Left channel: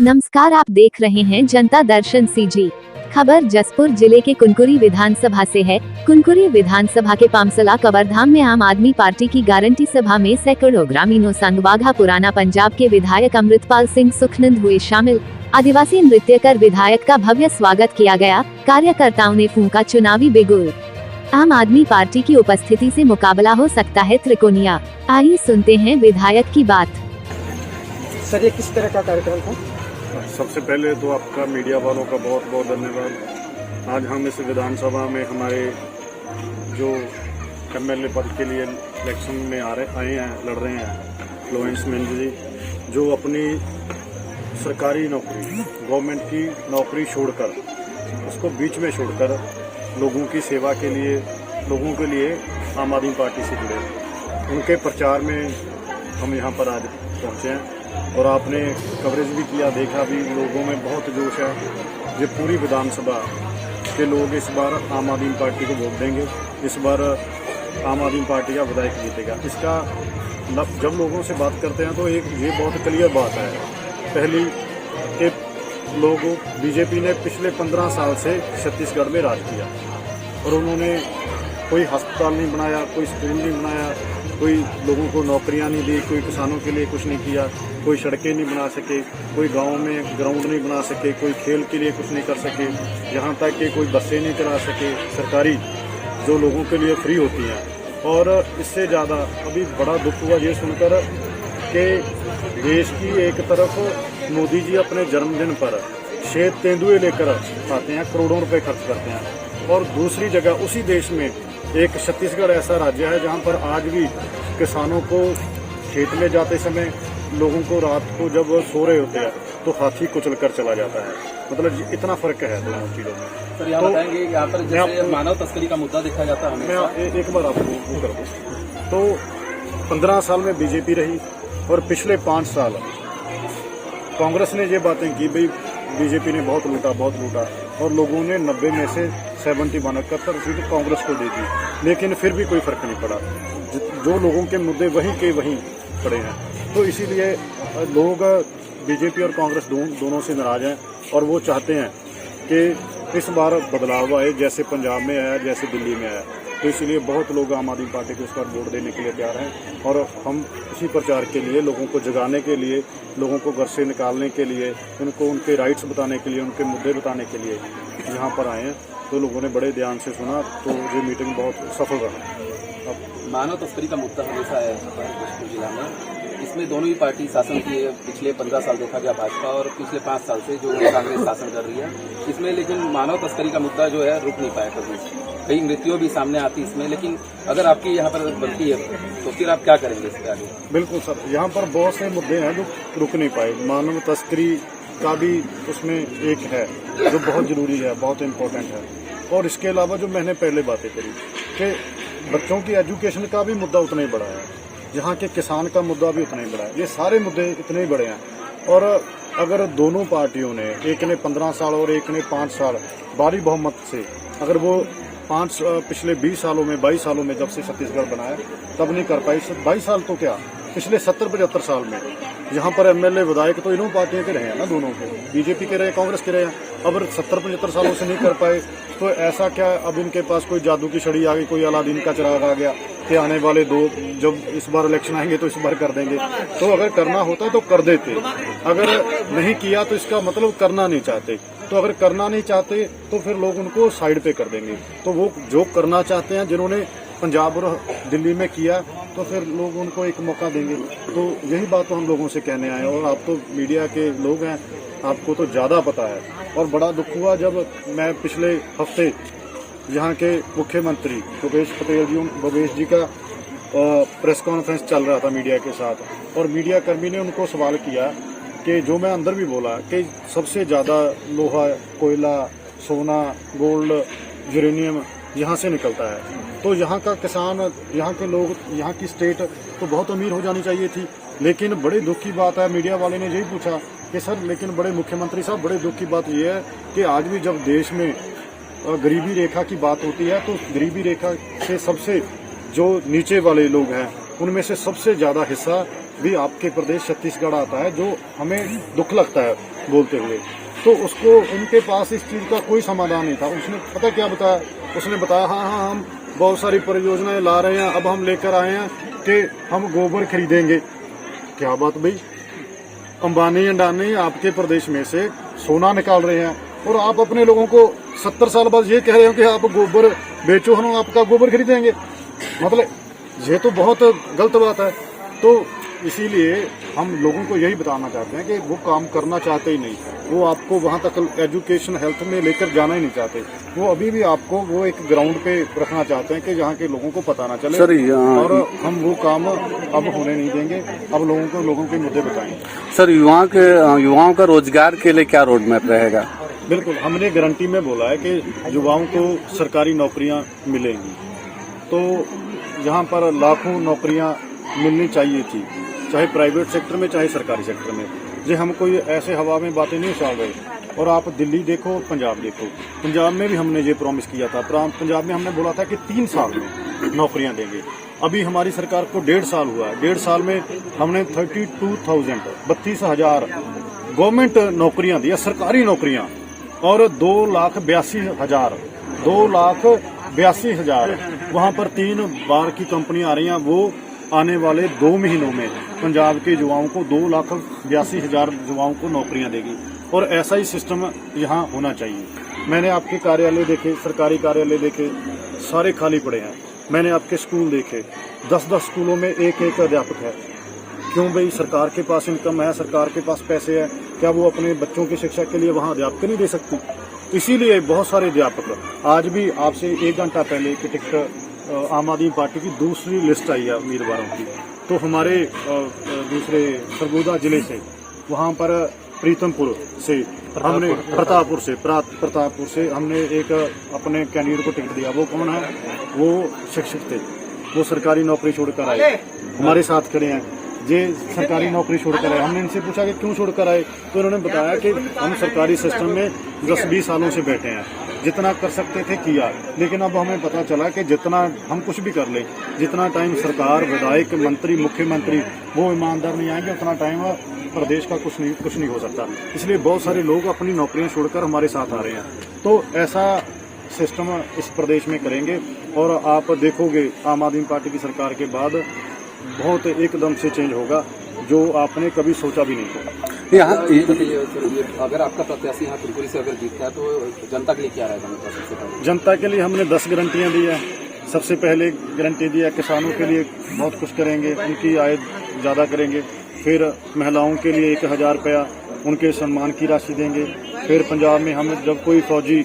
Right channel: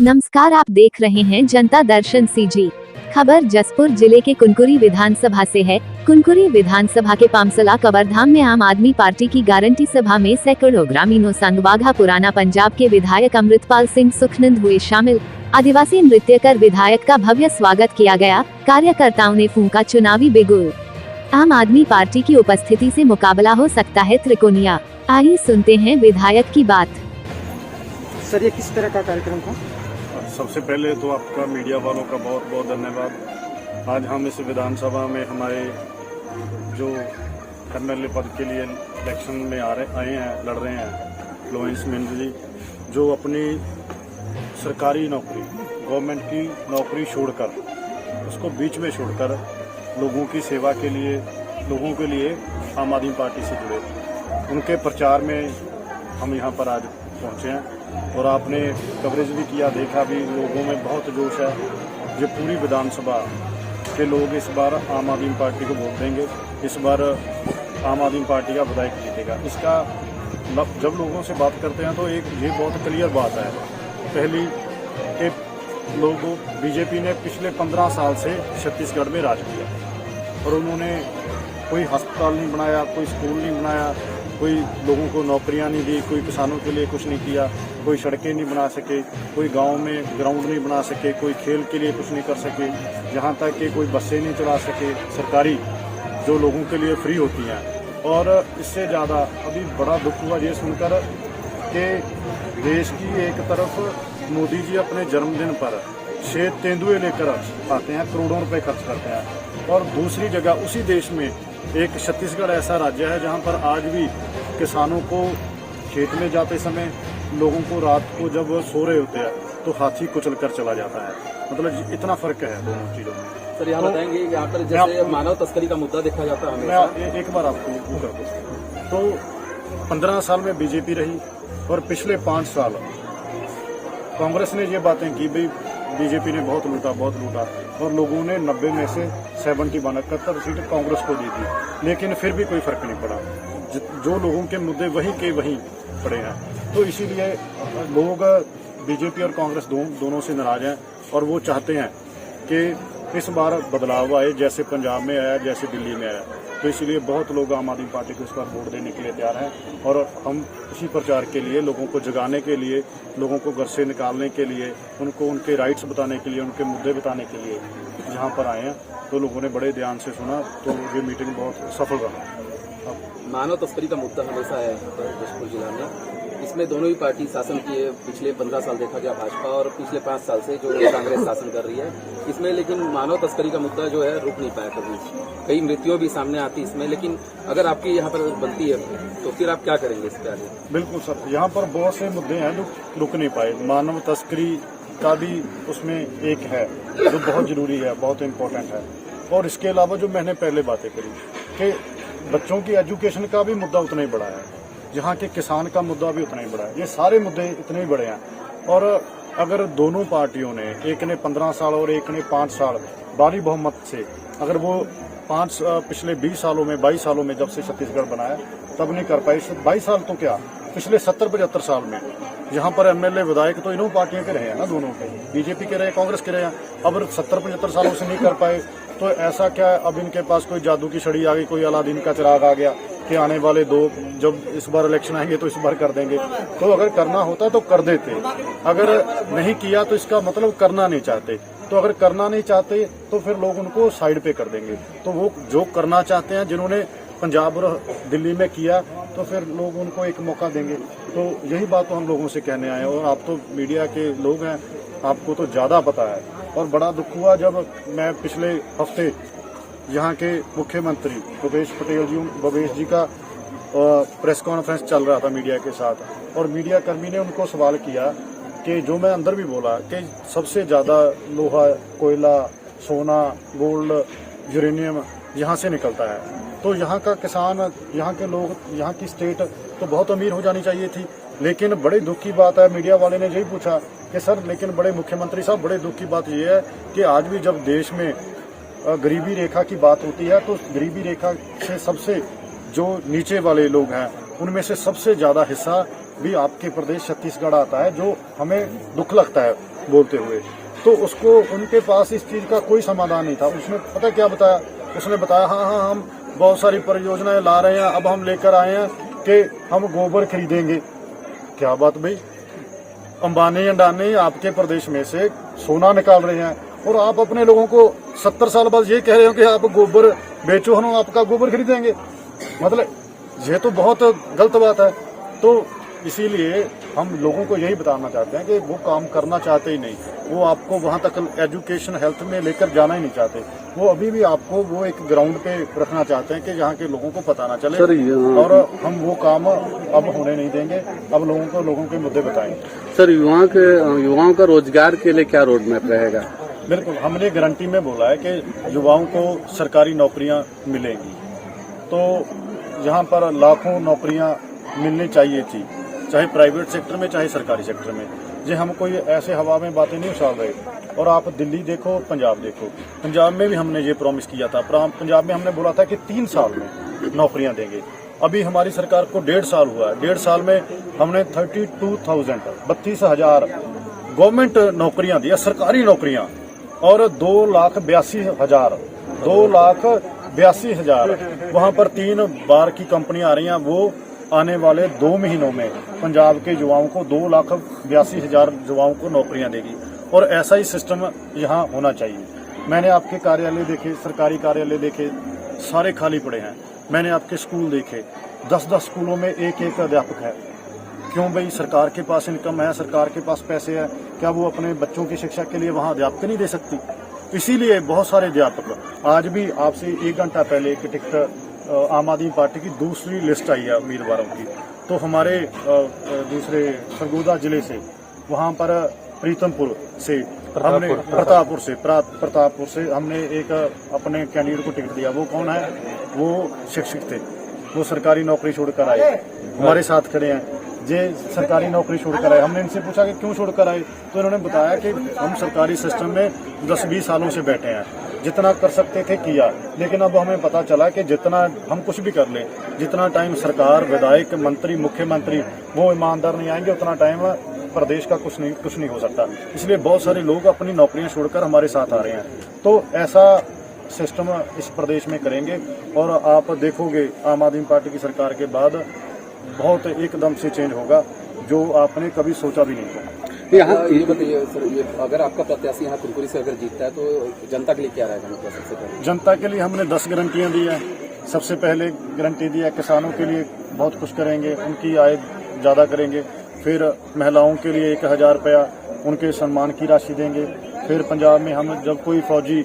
नमस्कार, आप देख रहे हैं जनता दर्शन सीजी। खबर जसपुर जिले के कुनकुरी विधानसभा से है। कुनकुरी विधानसभा के पामसला कबरधाम में आम आदमी पार्टी की गारंटी सभा में सैकड़ों ग्रामीणों संग बाघा पुराना पंजाब के विधायक अमृतपाल सिंह सुखनंद हुए शामिल। आदिवासी नृत्य कर विधायक का भव्य स्वागत किया गया। कार्यकर्ताओं ने फूंका चुनावी बिगुल। आम आदमी पार्टी की उपस्थिति से मुकाबला हो सकता है त्रिकोणिया। आइए सुनते हैं विधायक की बात। सर, ये किस तरह का कार्यक्रम था? सबसे पहले तो आपका मीडिया वालों का बहुत बहुत धन्यवाद। आज हम इस विधानसभा में हमारे जो एमएलए पद के लिए इलेक्शन में आए हैं, लड़ रहे हैं, लोरेंस मिंज जी, जो अपनी सरकारी नौकरी, गवर्नमेंट की नौकरी छोड़कर, उसको बीच में छोड़कर लोगों की सेवा के लिए, लोगों के लिए आम आदमी पार्टी से जुड़े, उनके प्रचार में हम यहाँ पर आज पहुँचे हैं। और आपने कवरेज भी किया, देखा भी, लोगों में बहुत जोश है। ये पूरी विधानसभा के लोग इस बार आम आदमी पार्टी को वोट देंगे। इस बार आम आदमी पार्टी का विधायक जीतेगा। इसका जब लोगों से बात करते हैं तो ये बहुत क्लियर बात है। पहली कि लोगों बीजेपी ने पिछले 15 साल से छत्तीसगढ़ में राज किया और उन्होंने कोई अस्पताल नहीं बनाया, कोई स्कूल नहीं बनाया, कोई लोगों को नौकरियां नहीं दी, कोई किसानों के लिए कुछ नहीं किया, कोई सड़कें नहीं बना सके, कोई गांव में ग्राउंड नहीं बना सके, कोई खेल के लिए कुछ नहीं कर सके, यहाँ तक कि कोई बसें नहीं चला सके सरकारी, जो लोगों के लिए फ्री होती हैं। और इससे ज़्यादा अभी बड़ा दुख हुआ ये सुनकर कि देश की एक तरफ मोदी जी अपने जन्मदिन पर श्वेत तेंदुए लेकर आते हैं, करोड़ों रुपए खर्च करते हैं, और दूसरी जगह उसी देश में एक छत्तीसगढ़ ऐसा राज्य है जहां पर आज भी किसानों को खेत में जाते समय, लोगों को रात को जब सो रहे होते हैं तो हाथी कुचल कर चला जाता है। मतलब इतना फर्क है दोनों चीजों में। सर, यहाँ बताएंगे यहाँ पर जैसे मानव तस्करी का मुद्दा देखा जाता है। मैं एक बार आपको वो कर दूं तो 15 साल में बीजेपी रही और पिछले 5 साल कांग्रेस ने ये बातें की, भाई बीजेपी ने बहुत लूटा, और लोगों ने 90 में से 71 सीट कांग्रेस को दे दी, लेकिन फिर भी कोई फर्क नहीं पड़ा। जो लोगों के मुद्दे वहीं के वहीं पड़े हैं। तो इसीलिए लोग बीजेपी और कांग्रेस दोनों से नाराज हैं और वो चाहते हैं कि इस बार बदलाव आए, जैसे पंजाब में आया, जैसे दिल्ली में आया। तो इसलिए बहुत लोग आम आदमी पार्टी को इस बार वोट देने के लिए तैयार हैं और हम इसी प्रचार के लिए, लोगों को जगाने के लिए, लोगों को घर से निकालने के लिए, उनको उनके राइट्स बताने के लिए, उनके मुद्दे बताने के लिए यहाँ पर आए हैं। तो लोगों ने बड़े ध्यान से सुना, तो ये मीटिंग बहुत सफल रहा। मानव तस्करी का मुद्दा हमेशा है जसपुर जिला में। इसमें दोनों ही पार्टी शासन की पिछले 15 साल देखा गया, भाजपा, और पिछले 5 साल से जो कांग्रेस शासन कर रही है इसमें। लेकिन मानव तस्करी का मुद्दा जो है रुक नहीं पाया कभी। कई मृत्युओं भी सामने आती इसमें, लेकिन अगर आपकी यहाँ पर बनती है तो फिर आप क्या करेंगे इसके आगे? बिल्कुल सर, यहाँ पर बहुत से मुद्दे हैं जो रुक नहीं पाए। मानव तस्करी का भी उसमें एक है जो बहुत जरूरी है, बहुत इम्पोर्टेंट है। और इसके अलावा जो मैंने पहले बातें करी कि बच्चों की एजुकेशन का भी मुद्दा उतना ही बड़ा है, यहाँ के किसान का मुद्दा भी उतना ही बड़ा है। ये सारे मुद्दे इतने ही बड़े हैं। और अगर दोनों पार्टियों ने, एक ने 15 साल और एक ने 5 साल भारी बहुमत से, अगर वो पिछले 20 सालों में, 22 सालों में जब से छत्तीसगढ़ बनाया तब नहीं कर पाई, 22 साल तो क्या, पिछले 70-75 साल में यहाँ पर एमएलए विधायक तो इन्हों पार्टियों के रहे हैं ना, दोनों के, बीजेपी के रहे, कांग्रेस के रहे हैं। अब 70-75 सालों से नहीं कर पाए तो ऐसा क्या, अब इनके पास कोई जादू की छड़ी आ गई, कोई अलादीन का चिराग आ गया कि आने वाले जब इस बार इलेक्शन आएंगे तो इस बार कर देंगे। तो अगर करना होता तो कर देते, अगर नहीं किया तो इसका मतलब करना नहीं चाहते। तो अगर करना नहीं चाहते तो फिर लोग उनको साइड पे कर देंगे। तो वो जो करना चाहते हैं, जिन्होंने पंजाब और दिल्ली में किया, तो फिर लोग उनको एक मौका देंगे। तो यही बात तो हम लोगों से कहने आए हैं। और आप तो मीडिया के लोग हैं, आपको तो ज़्यादा पता है। और बड़ा दुख हुआ जब मैं पिछले हफ्ते यहाँ के मुख्यमंत्री भूपेश जी का प्रेस कॉन्फ्रेंस चल रहा था मीडिया के साथ, और मीडिया कर्मी ने उनको सवाल किया कि जो मैं अंदर भी बोला कि सबसे ज़्यादा लोहा, कोयला, सोना, गोल्ड, यूरेनियम यहाँ से निकलता है। तो यहाँ का किसान, यहाँ के लोग, यहाँ की स्टेट तो बहुत अमीर हो जानी चाहिए थी। लेकिन बड़े दुख की बात है, मीडिया वाले ने यही पूछा कि सर, लेकिन बड़े मुख्यमंत्री साहब, बड़े दुख की बात यह है कि आज भी जब देश में गरीबी रेखा की बात होती है तो गरीबी रेखा से सबसे जो नीचे वाले लोग हैं उनमें से सबसे ज़्यादा हिस्सा भी आपके प्रदेश छत्तीसगढ़ आता है, जो हमें दुख लगता है। बोलते हुए। तो उसको उनके पास इस चीज का कोई समाधान नहीं था। उसने पता क्या बताया, उसने बताया हाँ हम बहुत सारी परियोजनाएं ला रहे हैं, अब हम लेकर आए हैं कि हम गोबर खरीदेंगे। क्या बात भाई, अंबानी अंडानी आपके प्रदेश में से सोना निकाल रहे हैं और आप अपने लोगों को 70 साल बाद ये कह रहे हो कि आप गोबर बेचो, हम आपका गोबर खरीदेंगे। मतलब ये तो बहुत गलत बात है। तो इसीलिए हम लोगों को यही बताना चाहते हैं कि वो काम करना चाहते ही नहीं, वो आपको वहां तक एजुकेशन हेल्थ में लेकर जाना ही नहीं चाहते। वो अभी भी आपको वो एक ग्राउंड पे रखना चाहते हैं कि जहाँ के लोगों को पता ना चले। और हम वो काम अब होने नहीं देंगे। अब लोगों के मुद्दे बताएंगे। सर, युवाओं का रोजगार के लिए क्या रोड मैप रहेगा? बिल्कुल, हमने गारंटी में बोला है कि युवाओं को सरकारी नौकरियां मिलेंगी। तो यहाँ पर लाखों नौकरियां मिलनी चाहिए थी, चाहे प्राइवेट सेक्टर में चाहे सरकारी सेक्टर में। जी हम कोई ऐसे हवा में बातें नहीं उछाल रहे। और आप दिल्ली देखो, पंजाब देखो, पंजाब में भी हमने ये प्रॉमिस किया था। पंजाब में हमने बोला था कि 3 साल में नौकरियां देंगे। अभी हमारी सरकार को 1.5 साल हुआ है। 1.5 साल में हमने 32,000 गवर्नमेंट नौकरियां दी, सरकारी नौकरियां, और 2,82,000 वहां पर 3 बार की कंपनियां आ रही हैं। वो आने वाले 2 महीनों में पंजाब के युवाओं को 2,82,000 युवाओं को नौकरियां देगी। और ऐसा ही सिस्टम यहाँ होना चाहिए। मैंने आपके कार्यालय देखे, सरकारी कार्यालय देखे, सारे खाली पड़े हैं। मैंने आपके स्कूल देखे, 10-10 स्कूलों में एक अध्यापक है। क्यों भाई? सरकार के पास इनकम है, सरकार के पास पैसे है, क्या वो अपने बच्चों की शिक्षा के लिए वहाँ अध्यापक नहीं दे सकती? इसीलिए बहुत सारे अध्यापक, आज भी आपसे 1 घंटा पहले एक टिकट आम आदमी पार्टी की दूसरी लिस्ट आई है उम्मीदवारों की। तो हमारे दूसरे सरगोदा जिले से, वहाँ पर प्रीतमपुर से हमने प्रतापपुर से हमने एक अपने कैंडिडेट को टिकट दिया। वो कौन है? वो शिक्षक थे, वो सरकारी नौकरी छोड़कर आए, हमारे साथ खड़े हैं। ये सरकारी नौकरी छोड़कर आए। हमने इनसे पूछा कि क्यों छोड़कर आए, तो इन्होंने बताया कि हम सरकारी सिस्टम में 10-20 सालों से बैठे हैं, जितना कर सकते थे किया, लेकिन अब हमें पता चला कि जितना हम कुछ भी कर ले, जितना टाइम सरकार, विधायक, मंत्री, मुख्यमंत्री वो ईमानदार नहीं आएंगे, उतना टाइम प्रदेश का कुछ नहीं हो सकता। इसलिए बहुत सारे लोग अपनी नौकरियां छोड़कर हमारे साथ आ रहे हैं। तो ऐसा सिस्टम इस प्रदेश में करेंगे और आप देखोगे आम आदमी पार्टी की सरकार के बाद बहुत एकदम से चेंज होगा, जो आपने कभी सोचा भी नहीं होगा। ये बताइए सर, ये अगर आपका प्रत्याशी यहाँ कुनकुरी से अगर जीतता है तो जनता के लिए क्या रहेगा? मतलब सबसे पहले जनता के लिए हमने 10 गारंटियां दी है। सबसे पहले गारंटी दी है किसानों के लिए बहुत कुछ करेंगे, उनकी आय ज़्यादा करेंगे। फिर महिलाओं के लिए 1,000 रुपया उनके सम्मान की राशि देंगे। फिर पंजाब में हम जब कोई फौजी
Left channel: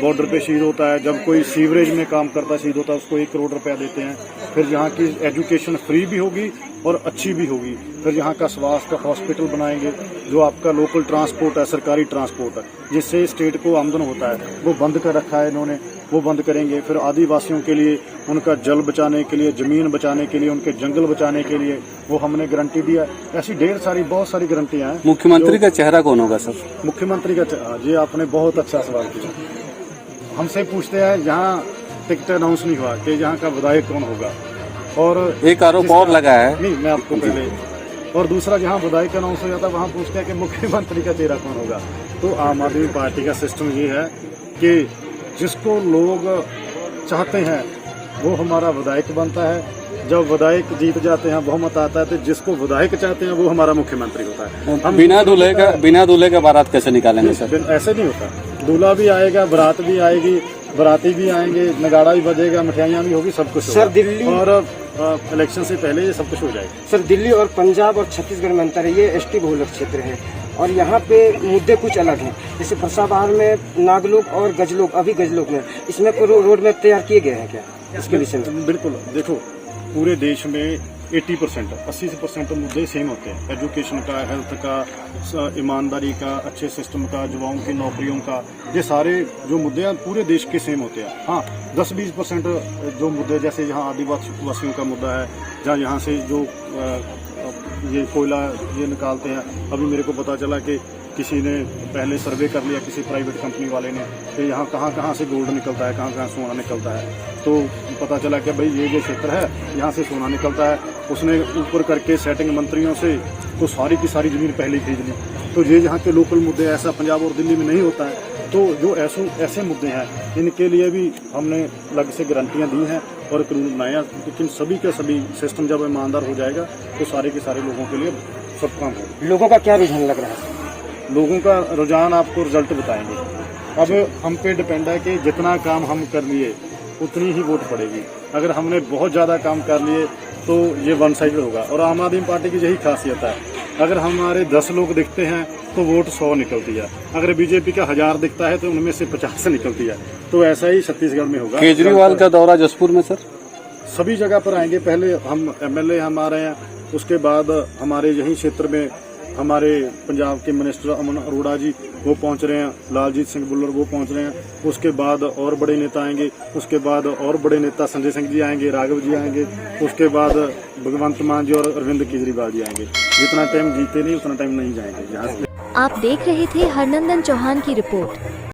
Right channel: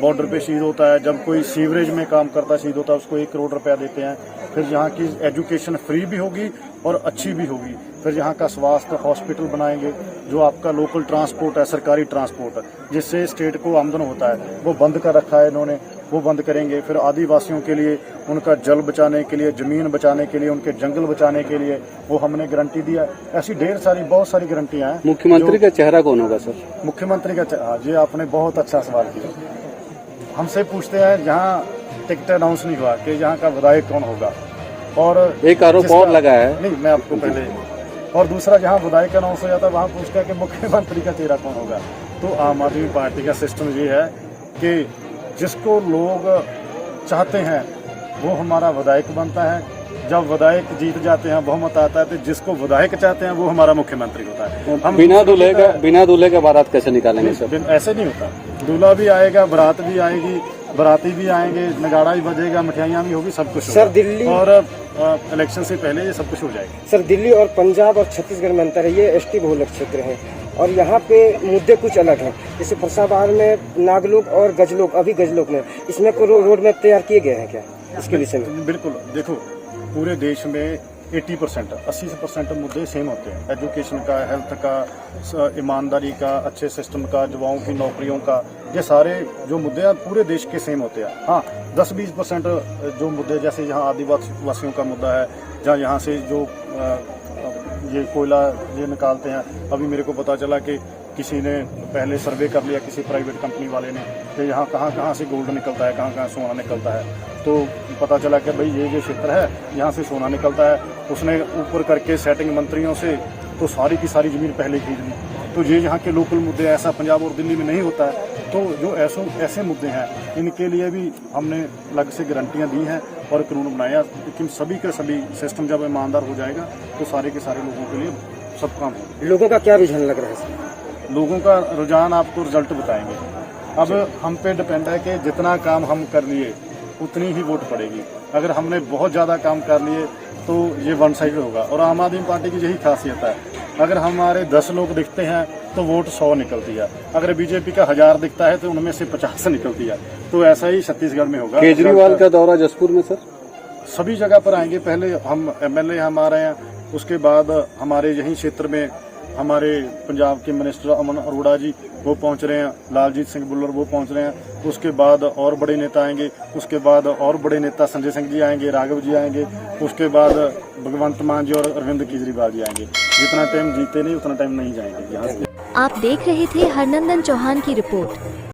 बॉर्डर पे शहीद होता है, जब कोई सीवरेज में काम करता शहीद होता है, उसको 1 करोड़ रुपया देते हैं। फिर यहाँ की एजुकेशन फ्री भी होगी और अच्छी भी होगी। फिर यहाँ का स्वास्थ्य हॉस्पिटल बनाएंगे। जो आपका लोकल ट्रांसपोर्ट है, सरकारी ट्रांसपोर्ट, जिससे स्टेट को आमदन होता है, वो बंद कर रखा है इन्होंने, वो बंद करेंगे। फिर आदिवासियों के लिए उनका जल बचाने के लिए, जमीन बचाने के लिए, उनके जंगल बचाने के लिए वो हमने गारंटी दिया। ऐसी बहुत सारी गारंटियां हैं। मुख्यमंत्री का चेहरा कौन होगा सर? मुख्यमंत्री का ये आपने बहुत अच्छा सवाल किया। हमसे पूछते हैं यहाँ टिकट अनाउंस नहीं हुआ कि यहाँ का विधायक कौन होगा, और एक आरोप और लगा है। नहीं, मैं आपको पहले, और दूसरा जहाँ विधायक अनाउंस हो जाता है वहाँ पूछते हैं कि मुख्यमंत्री का चेहरा कौन होगा। तो आम आदमी पार्टी का सिस्टम ये है कि जिसको लोग चाहते हैं वो हमारा विधायक बनता है। जब विधायक जीत जाते हैं, बहुमत आता है, तो जिसको विधायक चाहते हैं वो हमारा मुख्यमंत्री होता है। हम बिना दूल्हे का बारात कैसे निकालेंगे सर? ऐसे नहीं होता। दूल्हा भी आएगा, बारात भी आएगी, बाराती भी आएंगे, नगाड़ा भी बजेगा, मिठाइयाँ भी होगी, सब कुछ सर दिल्ली और इलेक्शन से पहले ये सब कुछ हो जाएगा। सर दिल्ली और पंजाब और छत्तीसगढ़ में अंतर है, ये एसटी बहुलक क्षेत्र है और यहाँ पे मुद्दे कुछ अलग हैं। जैसे फरसाबहार में नागलोक और गजलोक, अभी गजलोक में इसमें रोड में तैयार किए गए हैं क्या इसके विषय में? बिल्कुल, देखो पूरे देश में 80% मुद्दे सेम होते हैं। एजुकेशन का, हेल्थ का, ईमानदारी का, अच्छे सिस्टम का, युवाओं की नौकरियों का, ये सारे जो मुद्दे हैं पूरे देश के सेम होते हैं। हाँ, 10-20% जो मुद्दे, जैसे यहाँ आदिवासियों का मुद्दा है, जहाँ यहाँ से जो ये कोयला ये निकालते हैं। अभी मेरे को पता चला कि किसी ने पहले सर्वे कर लिया, किसी प्राइवेट कंपनी वाले ने, कि यहाँ कहाँ से गोल्ड निकलता है, कहाँ सोना निकलता है। तो पता चला कि भाई ये क्षेत्र है, यहाँ से सोना निकलता है। उसने ऊपर करके सेटिंग मंत्रियों से तो सारी की सारी ज़मीन पहले खरीद ली। तो ये यहाँ के लोकल मुद्दे, ऐसा पंजाब और दिल्ली में नहीं होता है। तो जो ऐसे मुद्दे हैं, इनके लिए भी हमने अलग से गारंटियां दी हैं और कानून बनाया। लेकिन सभी का सभी सिस्टम जब ईमानदार हो जाएगा तो सारे के सारे लोगों के लिए सब काम होगा। लोगों का क्या रुझान लग रहा है? लोगों का रुझान आपको रिजल्ट बताएंगे। अब हम पे डिपेंड है कि जितना काम हम कर लिए उतनी ही वोट पड़ेगी। अगर हमने बहुत ज़्यादा काम कर लिए तो ये वन साइडेड होगा। और आम आदमी पार्टी की यही खासियत है, अगर हमारे 10 लोग दिखते हैं तो वोट 100 निकलती है। अगर बीजेपी का 1000 दिखता है तो उनमें से 50 निकलती है। तो ऐसा ही छत्तीसगढ़ में होगा। केजरीवाल का दौरा जसपुर में सर? सभी जगह पर आएंगे। पहले हम MLA हम आ रहे हैं, उसके बाद हमारे यही क्षेत्र में हमारे पंजाब के मिनिस्टर अमन अरोड़ा जी वो पहुंच रहे हैं, लालजीत सिंह बुल्लर वो पहुंच रहे हैं। उसके बाद और बड़े नेता आएंगे, उसके बाद और बड़े नेता संजय सिंह जी आएंगे, राघव जी आएंगे, उसके बाद भगवंत मान जी और अरविंद केजरीवाल जी आएंगे। जितना टाइम जीते नहीं उतना टाइम नहीं जाएंगे यहाँ से। आप देख रहे थे हरनंदन चौहान की रिपोर्ट।